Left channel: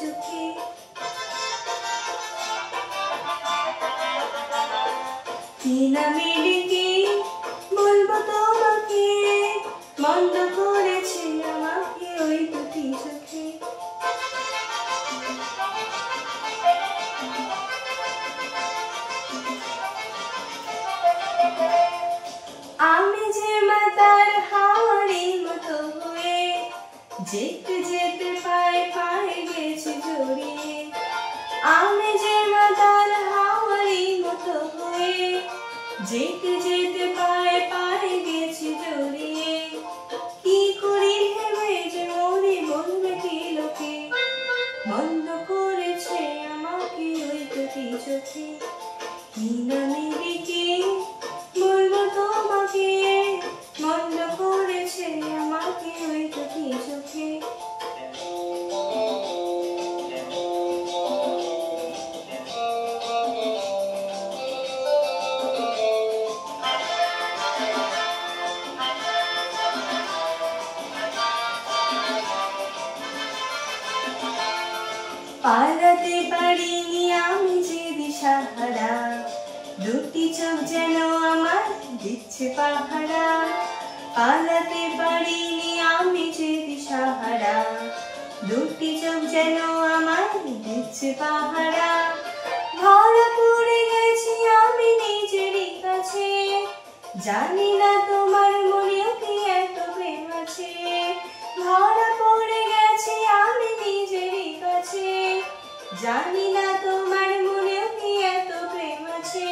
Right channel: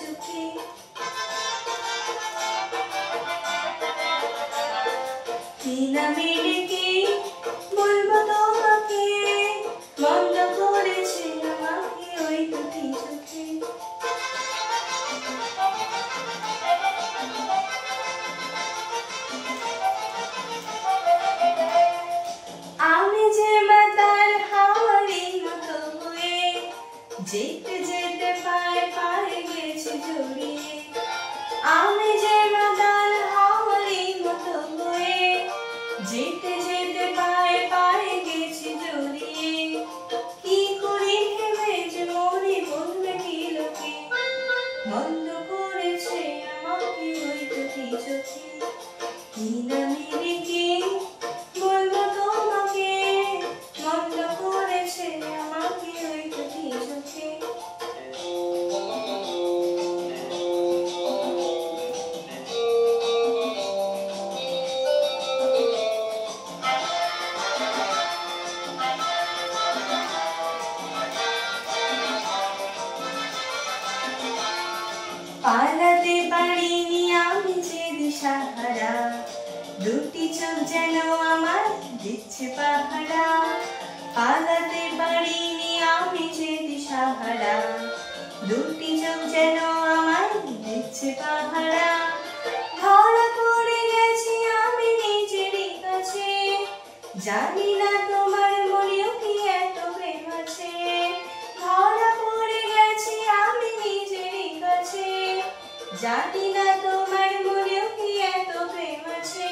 চোখে। কি নামে ডেকে বলবো তোমাকে, বন্ধ করেছে আমাকে ওই দুটি চোখে। আমি যে মাতাল হাওয়ারি মতো হয়ে যেতে যেতে পায়ে পায়ে গেছি জড়িয়ে। আমি যে মাতাল হাওয়ারি মতো হয়ে যেতে যেতে পায়ে পায়ে গেছি জড়িয়ে। কি করি ভেবে যে মরি বলবে কি লোকে, বন্ধ করেছে আমাকে ওই দুটি চোখে। কি নামে ডেকে বলবো তোমাকে, বন্ধ করেছে আমাকে ওই দুটি চোখে। পালাতে পারিনি আমি যে দিশাহারা, দুটি চোখ যেন আমার দিচ্ছে পাহারা। পালাতে পারিনি আমি যে দিশাহারা, দুটি চোখ যেন আমার দিচ্ছে পাহারা। ধরা পড়ে গেছি আমি নিজেরই কাছে, জানি না তোমার মনেও কি এত প্রেম আছে। ধরা পড়ে গেছি আমি নিজেরই কাছে, জানি না তোমার মনেও কি এত প্রেম আছে।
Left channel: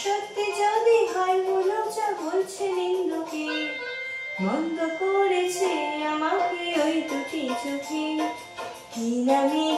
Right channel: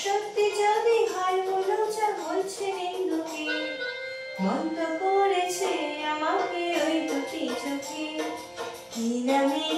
সত্যি যদি হয় বলো যা বলছে লোকে, বন্ধ করেছে আমাকে ওই দুটি চোখে। কি নামে